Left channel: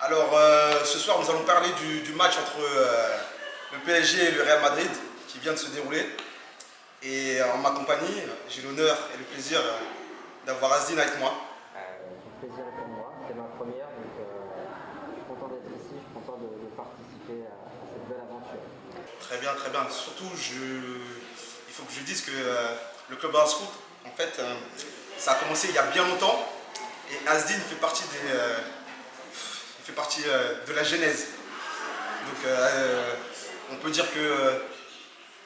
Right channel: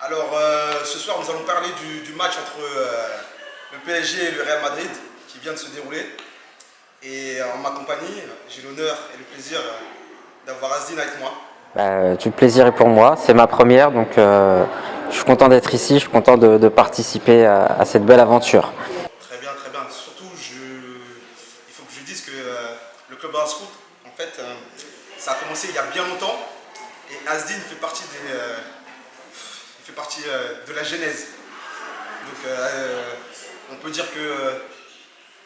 Alors, ce soir, nous allons parler du match entre le PSG et le Real Madrid qui vient de se dérouler. Et en ma compagnie, j'ai l'honneur et le plaisir d'avoir Asdine avec moi. Tout le plaisir est pour moi, c'est ma première, donc je suis content d'être ici, je suis content de participer à cette belle aventure. Très bien, très bien. Surtout, il faut que je dise que le club House Foot, en fait, ça a commencé il y a bien longtemps. Et Asdine fait partie de la genèse. Donc, on peut dire que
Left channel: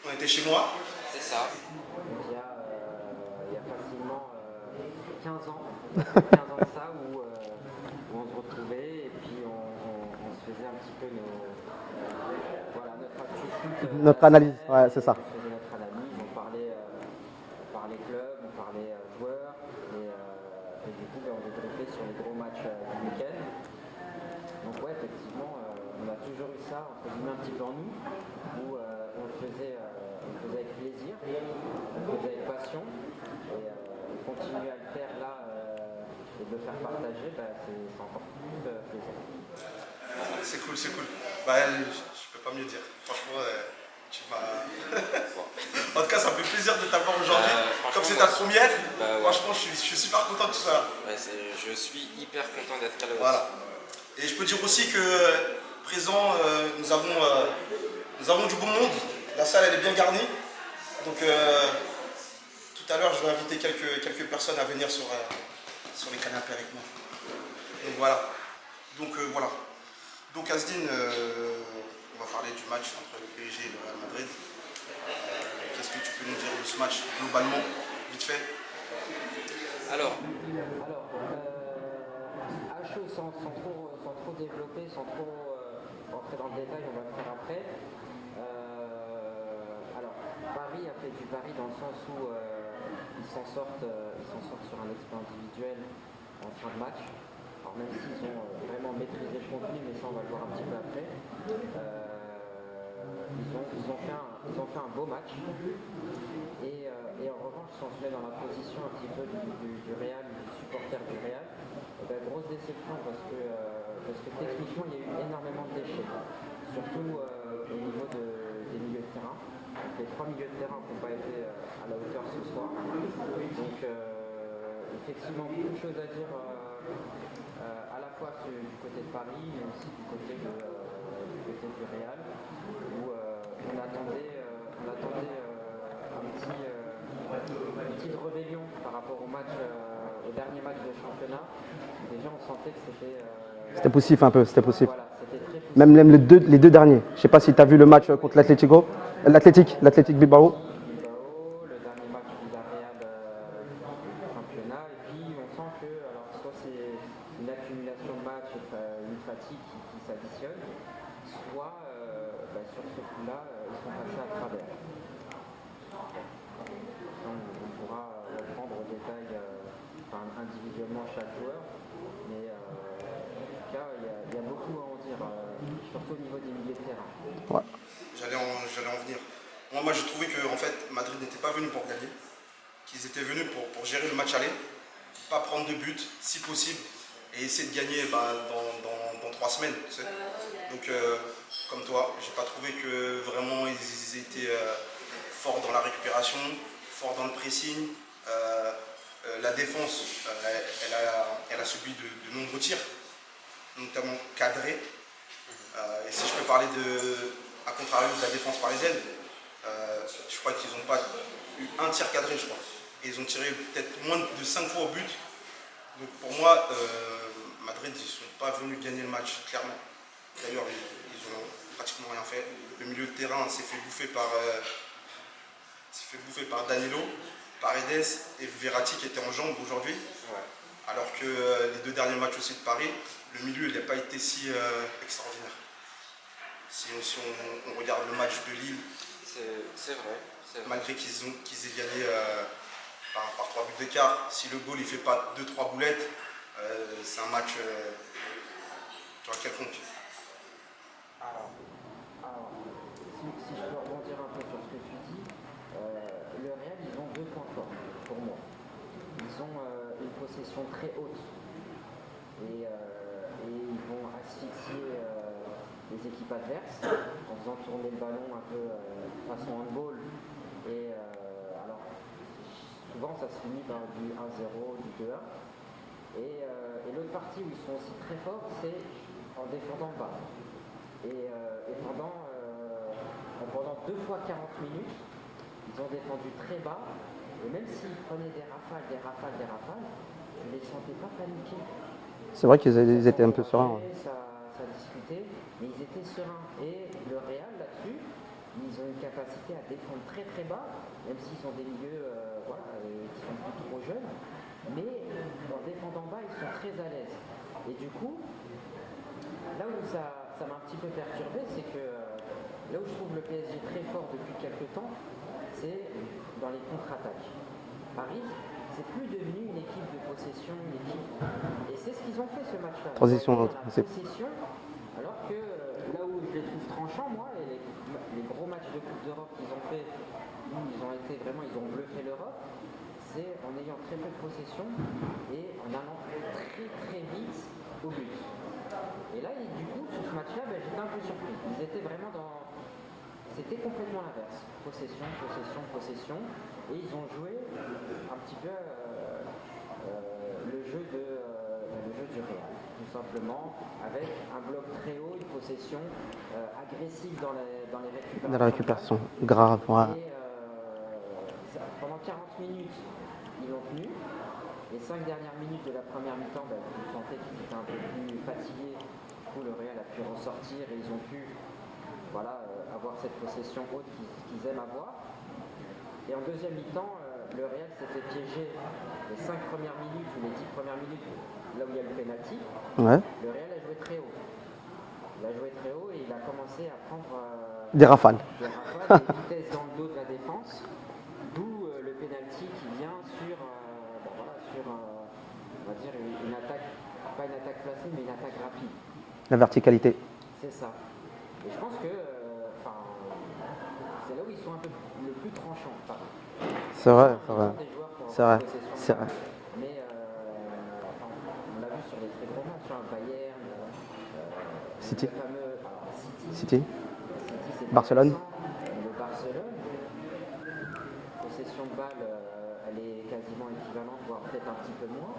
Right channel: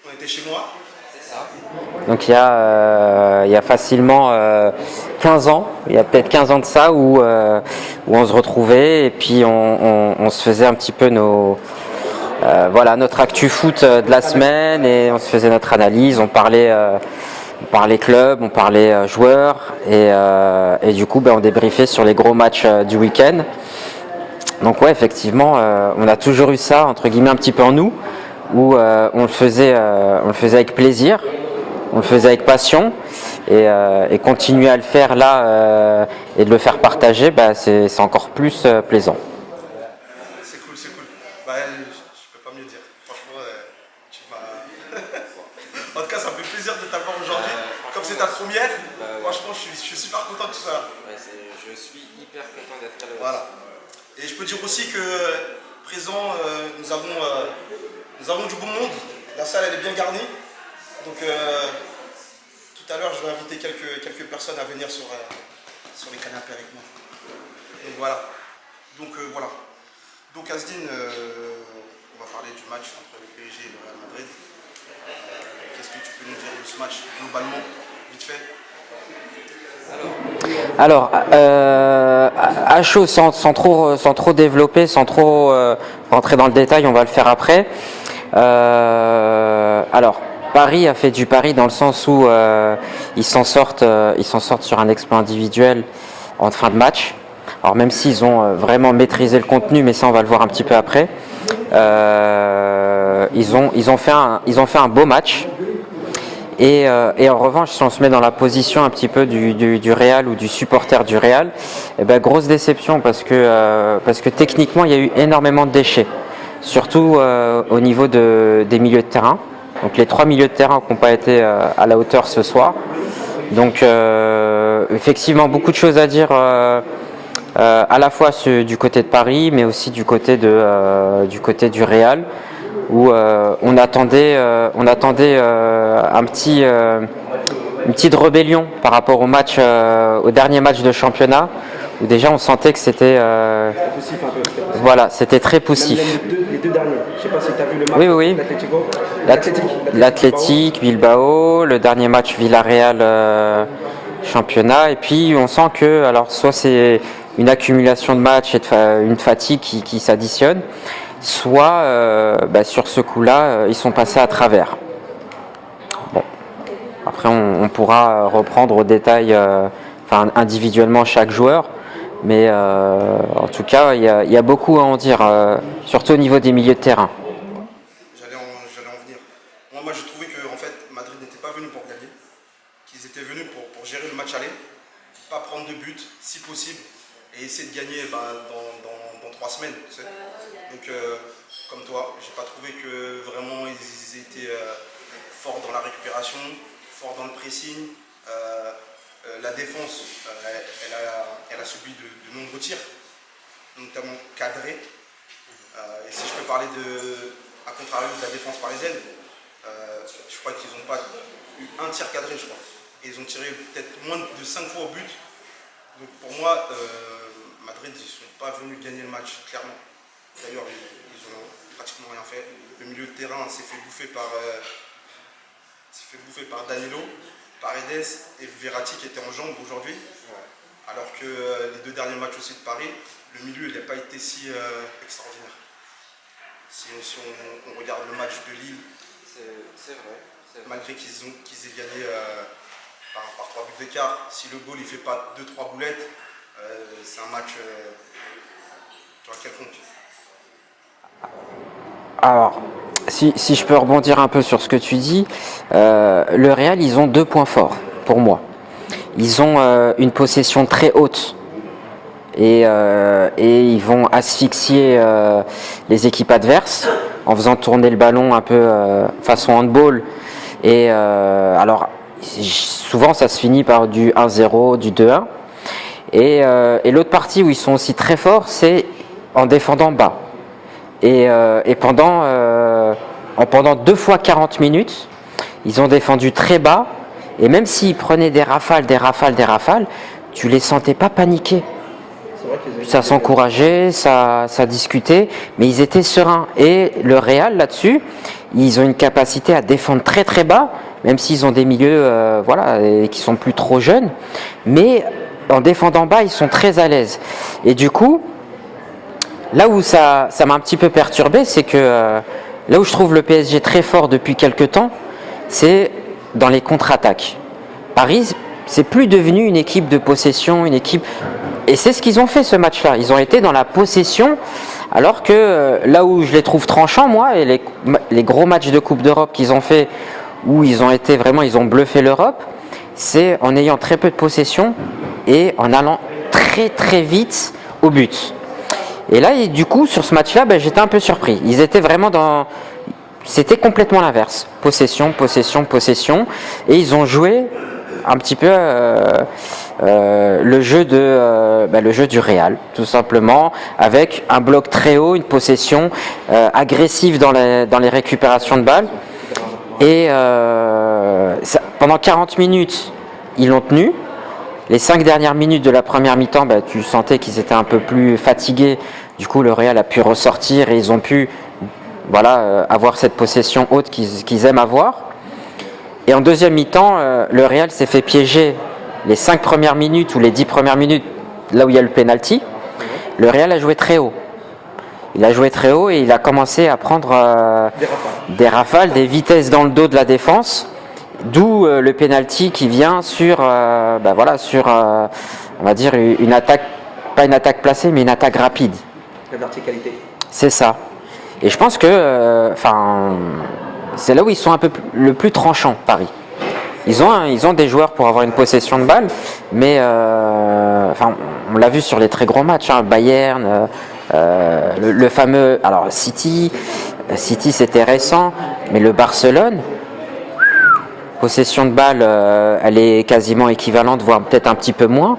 on était chez moi. C'est ça. Donc il y a facilement 15 ans, il y a peut-être 15 ans de ça où on se retrouvait et puis on se faisait un petit peu notre actu foot de la semaine et on se faisait notre analyse, on parlait club, on parlait joueurs et du coup on débriefait sur les gros matchs du week-end. Donc ouais, effectivement, on a toujours eu ça entre guillemets un petit peu en nous où on le faisait avec plaisir, on le faisait avec passion et continuer à le faire là et de le faire partager, c'est encore plus plaisant. C'est cool, c'est cool. Je peux pas mieux dire. Franchement, tu m'as. En tout cas, ça me fait plaisir de t'avoir aujourd'hui. Comme c'est ta première, franchement, je suis super content de tout ça. Ouais, je suis hyper content d'être là. Voilà. Et je peux dire aussi que présent, nous avons du beau monde. La salle, elle est bien garnie. Donc, tout à l'heure, je vais inviter quelques personnes à venir sur les canapés avec moi. Donc, voilà. Voilà. Donc, Asdine, on va parler du match entre le PSG et le Real Madrid. Qu'est-ce que tu peux nous dire de ce match, globalement, vite fait? Alors, à chaud, sans trop développer, sans trop rentrer dans le détail, on va le faire après. Alors, Paris a fait du pari dans le sens où ils s'en sortent sur un exploit individuel en fin de match. Alors même s'ils ont vraiment maîtrisé le contenu, mais ça on va le voir un petit peu après. Ils ont fait un beau match. Et en revanche, si on se met dans la position un petit peu du Real ou du supporter du Real, grosse déception parce que techniquement il y a eu énormément de déchets, surtout au niveau des milieux de terrain. Donc les 3 milieux de terrain qui n'ont pas été à la hauteur ce soir. Donc effectivement beaucoup de choses à dire à la fois du côté de Paris, mais aussi du côté du Real, où on attendait une petite rébellion par rapport au dernier match de championnat, où déjà on sentait que c'était poussif un peu, c'était poussif. Voilà, c'était très poussif. Même les deux derniers. Je ne sais pas si tu as vu le match oui. l'Atlético. L'Athletic Bilbao, le dernier match Villarreal championnat, et puis on sent que alors soit c'est une accumulation de matchs et une fatigue qui s'additionne, soit sur ce coup-là, ils sont passés à travers. Bon. Après, on pourra reprendre au détail, individuellement chaque joueur, mais en tout cas, il y a beaucoup à en dire, surtout au niveau des milieux de terrain. J'allais en venir. Moi, je trouvais que en fait, Madrid n'était pas venu pour gagner, qu'ils étaient venus pour gérer le match aller, pas prendre de but, si possible, et essayer de gagner dans 3 semaines. Tu sais. Donc, comme toi, j'ai pas trouvé que vraiment ils étaient forts dans la récupération, forts dans le pressing. La défense, elle a subi de nombreux tirs, notamment cadrés. Et si je peux parler à contrario de la défense parisienne, je crois qu'ils n'ont pas eu un tir cadré, je crois. Et ils ont tiré peut-être moins de 5 fois au but. Donc pour moi, Madrid, ils ne sont pas venus gagner le match, clairement. D'ailleurs, ils n'ont pratiquement rien fait. Le milieu de terrain s'est fait bouffer par Danilo, Paredes et Verratti qui étaient en jambes aujourd'hui. Ouais. Alors que les 2 derniers matchs aussi de Paris, le milieu n'a pas été si extraordinaire. Si on regarde le match de Lille, c'est vrai. Malgré qu'ils aient gagné par 3 buts d'écart, si le goal ne fait pas 2-3 boulettes, c'est un match quelconque. Alors, si je peux rebondir un peu sur ce que tu dis, le Real, ils ont 2 points forts pour moi. Ils ont une possession très haute et ils vont asphyxier les équipes adverses en faisant tourner le ballon un peu façon handball. Et alors, souvent, ça se finit par du 1-0, du 2-1. Et l'autre partie où ils sont aussi très forts, c'est en défendant bas. Et pendant 2 fois 40 minutes, ils ont défendu très bas. Et même s'ils prenaient des rafales, tu les sentais pas paniquer. C'est vrai qu'ils avaient- Ça s'encourageait, ça discutait, mais ils étaient sereins. Et le Real, là-dessus, ils ont une capacité à défendre très très bas, même s'ils ont des milieux et qui sont plus trop jeunes. Mais en défendant bas, ils sont très à l'aise. Et du coup, là où ça m'a un petit peu perturbé, c'est que là où je trouve le PSG très fort depuis quelques temps, c'est dans les contre-attaques. Paris, c'est plus devenu une équipe de possession, une équipe... Et c'est ce qu'ils ont fait ce match-là. Ils ont été dans la possession, alors que là où je les trouve tranchants, moi, et les gros matchs de Coupe d'Europe qu'ils ont fait, où ils ont bluffé l'Europe, c'est en ayant très peu de possession et en allant très très vite au but. Et là, du coup, sur ce match-là, j'étais un peu surpris. Ils étaient vraiment dans... C'était complètement l'inverse. Possession, possession, possession. Et ils ont joué un petit peu le jeu du Real, tout simplement, avec un bloc très haut, une possession agressive dans les récupérations de balles. Et pendant 40 minutes, ils l'ont tenu. Les 5 dernières minutes de la première mi-temps, tu sentais qu'ils étaient un peu plus fatigués. Du coup, le Real a pu ressortir et ils ont pu avoir cette possession haute qu'ils aiment avoir. Et en deuxième mi-temps, le Real s'est fait piéger les 5 premières minutes ou les 10 premières minutes, là où il y a le penalty. Ouais. Le Real a joué très haut. Il a joué très haut et il a commencé à prendre des rafales, des vitesses dans le dos de la défense. D'où le penalty qui vient sur, on va dire, une attaque, pas une attaque placée, mais une attaque rapide. La verticalité. C'est ça. Et je pense que, c'est là où ils sont le plus tranchants, Paris. Ils ont des joueurs pour avoir une possession de balle, mais on l'a vu sur les très gros matchs, Bayern, le fameux, alors City c'était récent, mais le Barcelone. Possession de balle, elle est quasiment équivalente, voire peut-être un petit peu moins.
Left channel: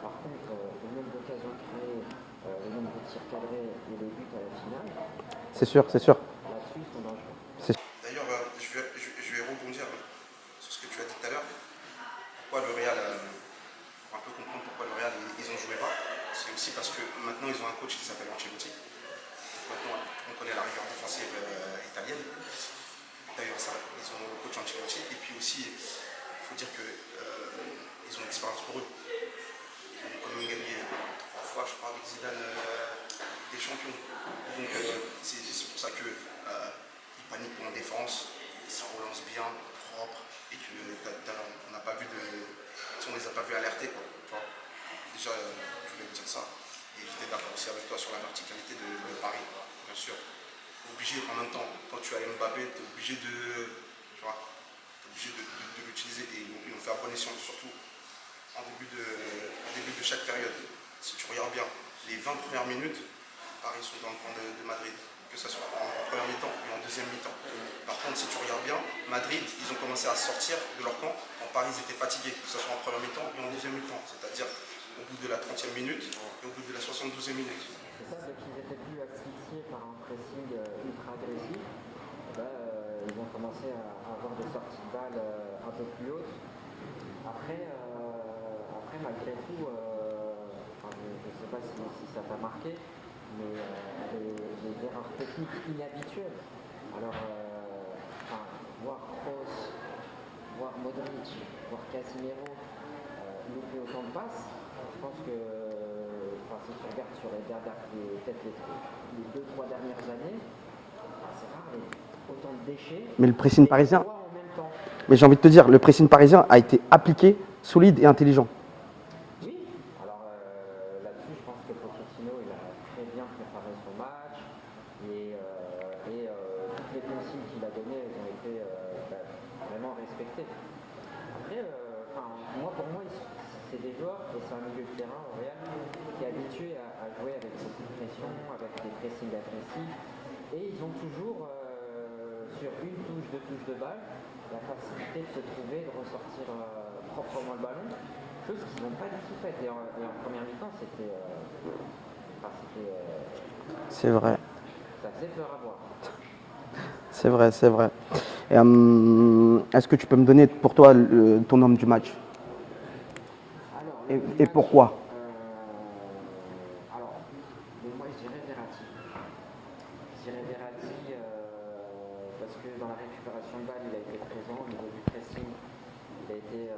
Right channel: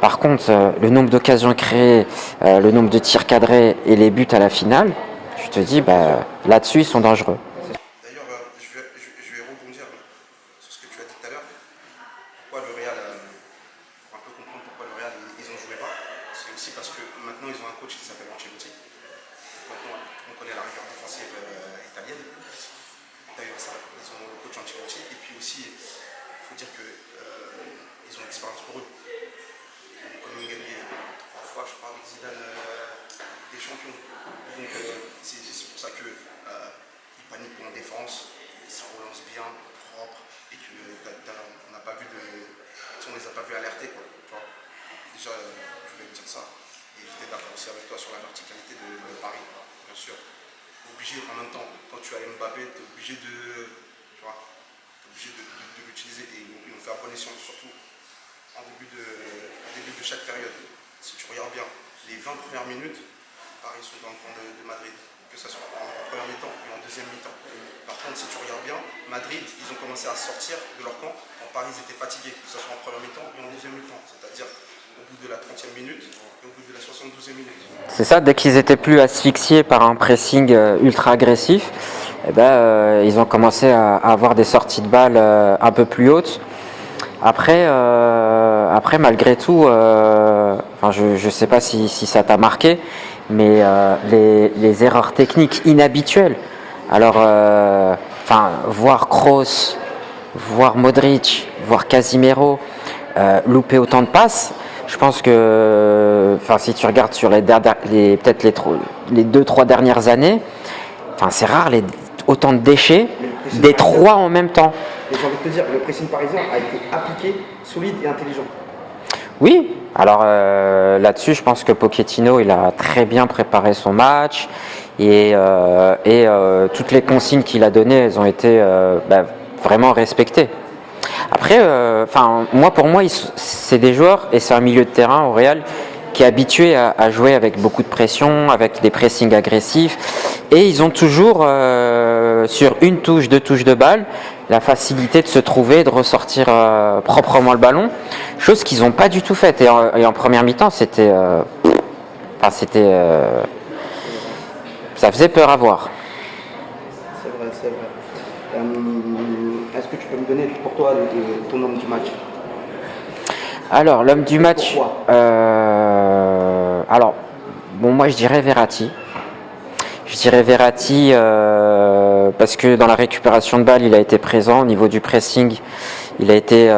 Par contre, le nombre d'occasions créées, le nombre de tirs cadrés et les buts à la finale, je te dis, là-dessus, ils sont dangereux. D'ailleurs, je vais rebondir sur ce que tu as dit tout à l'heure. Pourquoi le Real, pour un peu comprendre pourquoi le Real, ils ont joué bas. C'est aussi parce que maintenant, ils ont un coach qui s'appelle Ancelotti. Maintenant, on connaît la rigueur défensive italienne. D'ailleurs, ils ont le coach Ancelotti. Et puis aussi, il faut dire qu'ils ont l'expérience pour eux. Ils ont quand même gagné 3 fois, je crois, avec Zidane des champions. Donc, c'est pour ça qu'ils paniquent pour en défense, ils se relancent bien, propre, et on n'a pas vu on les a pas vus alerter, quoi. Tu vois. Déjà, je voulais te dire ça. Et j'étais d'accord aussi avec toi sur la verticalité de Paris, bien sûr. Obligé en même temps, quand tu as Mbappé, tu es obligé de l'utiliser et ils ont fait un bon escient, surtout en début de chaque période. Si tu regardes bien, les 20 premières minutes, Paris sont dans le camp de Madrid, que ce soit en première mi-temps et en deuxième mi-temps. Par contre, si tu regardes bien, Madrid, ils ont commencé à sortir de leur camp. En Paris, ils étaient fatigués, que ce soit en première mi-temps et en deuxième mi-temps. C'est-à-dire au bout de la 30e minute et au bout de la 72e minute. C'est ça, dès qu'ils étaient plus asphyxiés par un pressing ultra agressif, ils ont commencé à avoir des sorties de balles un peu plus hautes. Après, malgré tout, je ne sais pas si ça t'a marqué, mais les erreurs techniques inhabituelles. Alors, voir Kroos, voir Modric, voir Casemiro louper autant de passes, je pense que, si tu regardes sur peut-être les 2-3 dernières années, c'est rare autant de déchets, les 3 en même temps. Et j'ai envie de te dire, le pressing parisien a été appliqué, solide et intelligent. Oui, alors là-dessus, je pense que Pochettino, il a très bien préparé son match et toutes les consignes qu'il a données, elles ont été vraiment respectées. Après, pour moi, c'est des joueurs et c'est un milieu de terrain au Real qui est habitué à jouer avec beaucoup de pression, avec des pressings agressifs. Et ils ont toujours, sur une touche, deux touches de balle, la facilité de se trouver, de ressortir proprement le ballon. Chose qu'ils n'ont pas du tout faite. Et en première mi-temps, c'était... C'est vrai. ça faisait peur à voir. C'est vrai, c'est vrai. Est-ce que tu peux me donner pour toi ton homme du match? Alors, l'homme du Et match. pourquoi? Alors, bon, moi je dirais Verratti. Je dirais Verratti parce que dans la récupération de balles, il a été présent. Au niveau du pressing, il a été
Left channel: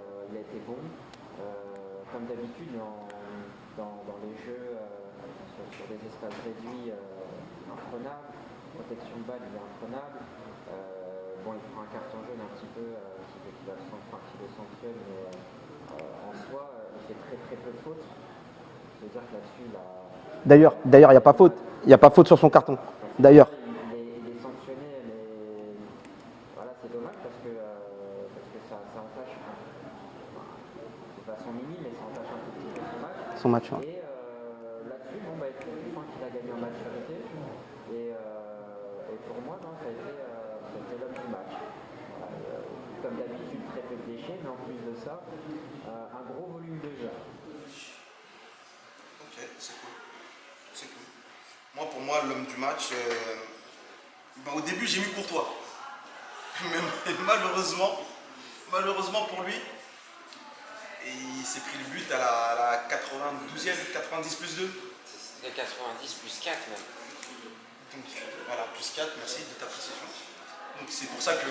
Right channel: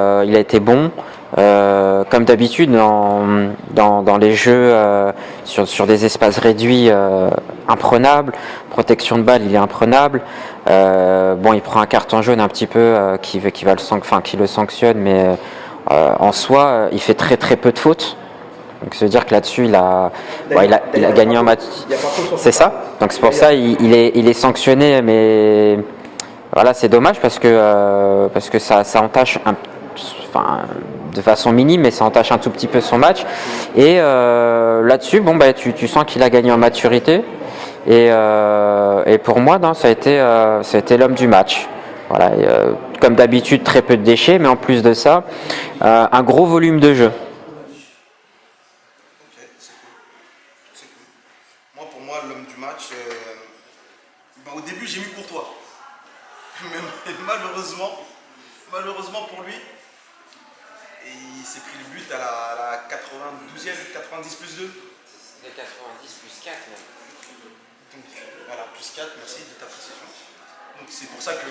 bon. Comme d'habitude, dans les jeux sur des espaces réduits, imprenable. Protection de balle, il est imprenable. Bon, il prend un carton jaune un petit peu qui le sanctionne, mais en soi, il fait très très peu de fautes. Donc, ça veut dire que là-dessus, il a gagné un match. Il n'y a pas faute sur son C'est ça. carton. Donc, c'est pour ça il est sanctionné, mais voilà, c'est dommage parce que ça entache de façon minime, mais ça entache un tout petit peu son match. Et là-dessus, bon, tu sens qu'il a gagné en maturité. Et pour moi, non, ça a été l'homme du match. Voilà, et, comme d'habitude, très peu de déchets, mais en plus de ça, un gros volume de jeu. Ok, c'est cool. C'est cool. Moi, pour moi, l'homme du match, au début, j'ai mis Courtois. Mais malheureusement pour lui, il s'est pris le but à la 92e, 90 plus 2. C'était 90 plus 4 même. Donc voilà, plus 4, merci de ta précision. Donc c'est pour ça que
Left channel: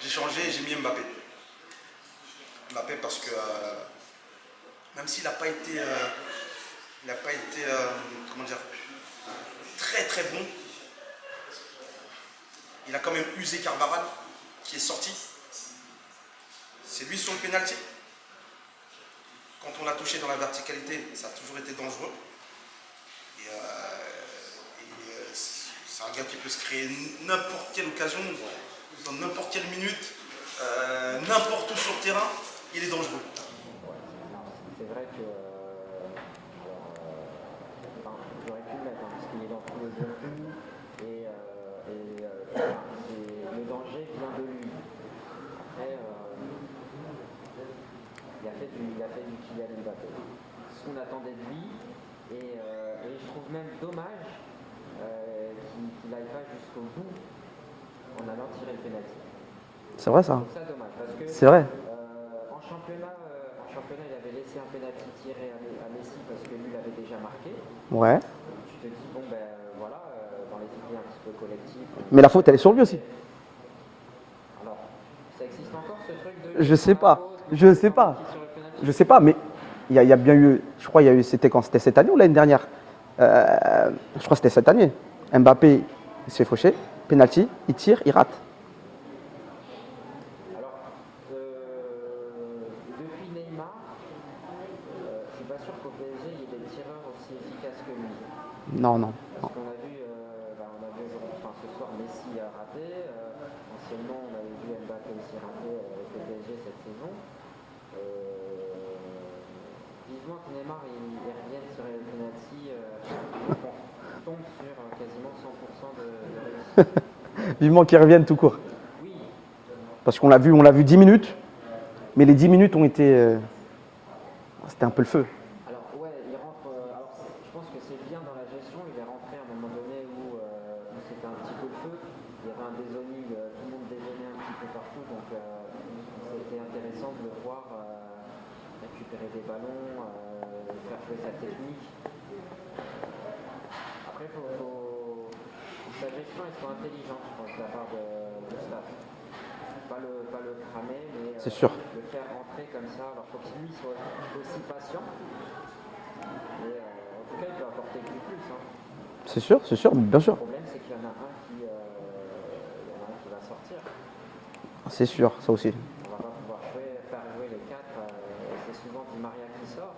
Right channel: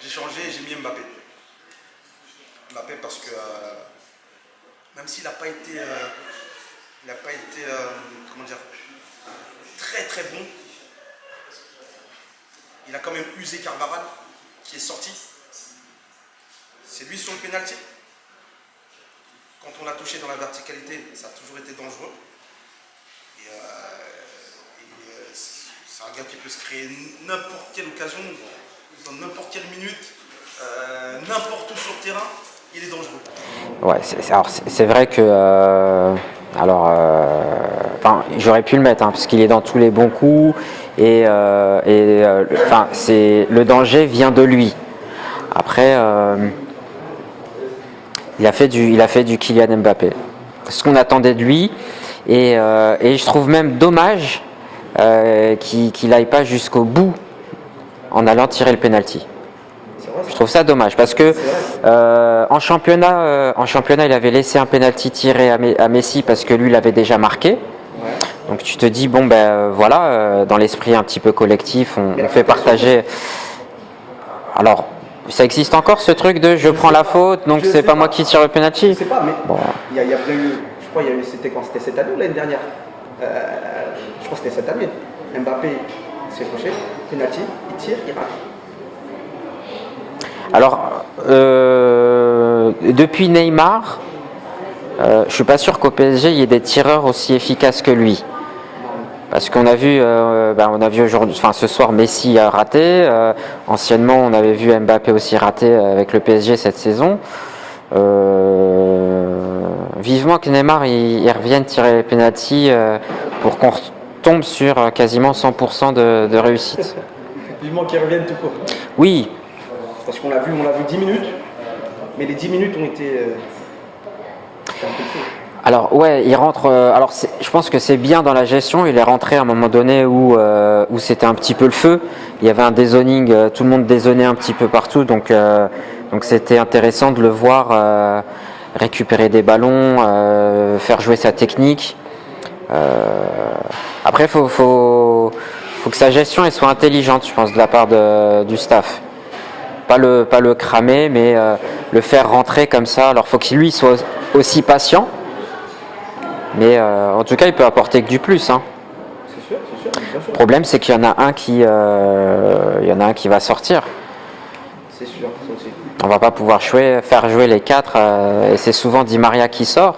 j'ai changé et j'ai mis Mbappé. Mbappé parce que même s'il n'a pas été, comment dire, très très bon, il a quand même usé Carvajal qui est sorti. C'est lui sur le pénalty. Quand on l'a touché dans la verticalité, ça a toujours été dangereux. Et c'est un gars qui peut se créer n'importe quelle occasion, dans n'importe quelle minute, n'importe où sur le terrain, il est dangereux. Ouais, c'est vrai que j'aurais pu le mettre parce qu'il est dans tous les bons coups et le danger vient de lui. Après, il a fait du Kylian Mbappé, ce qu'on attendait de lui, et je trouve même dommage qu'il n'aille pas jusqu'au bout en allant tirer le penalty. C'est vrai, ça. Je trouve ça dommage parce que en championnat, il avait laissé un penalty tiré à Messi parce que lui l'avait déjà marqué. Ouais. Donc tu te dis bon voilà, dans l'esprit un petit peu collectif, on fait partager. Alors ça existe encore ce truc de je prends la faute, donc c'est pas moi qui tire le penalty. Je sais pas, mais il y a bien eu, je crois, c'était quand? C'était cette année ou l'année dernière? Je crois que c'était cette année. Mbappé s'est fauché, penalty, il tire, il rate. Alors, depuis Neymar, je suis pas sûr qu'au PSG il y ait des tireurs aussi efficaces que lui. Non. Parce qu'on a vu, aujourd'hui, ce soir Messi a raté. Anciennement, on avait vu Mbappé aussi rater avec le PSG cette saison. Vivement que Neymar il revienne tirer les pénaltys pour qu'on tombe sur quasiment 100% de réussite. Vivement qu'il revienne tout court. Oui. Parce qu'on l'a vu 10 minutes, mais les 10 minutes ont été c'était un peu le feu. Alors ouais, il rentre. Je pense que c'est bien dans la gestion. Il est rentré à un moment donné où c'était un petit peu le feu. Il y avait un dézoning, tout le monde dézonnait un petit peu partout, donc c'était intéressant de le voir récupérer des ballons, faire jouer sa technique. Après, faut que sa gestion elle soit intelligente, je pense, de la part du staff. Pas le cramer, mais le faire rentrer comme ça. Alors, faut qu'il lui soit aussi patient. Mais en tout cas, il peut apporter que du plus. Hein. C'est sûr, bien sûr. Le problème, c'est qu'il y en a un qui va sortir. C'est sûr, ça aussi. On va pas pouvoir faire jouer les quatre. Et c'est souvent Di Maria qui sort.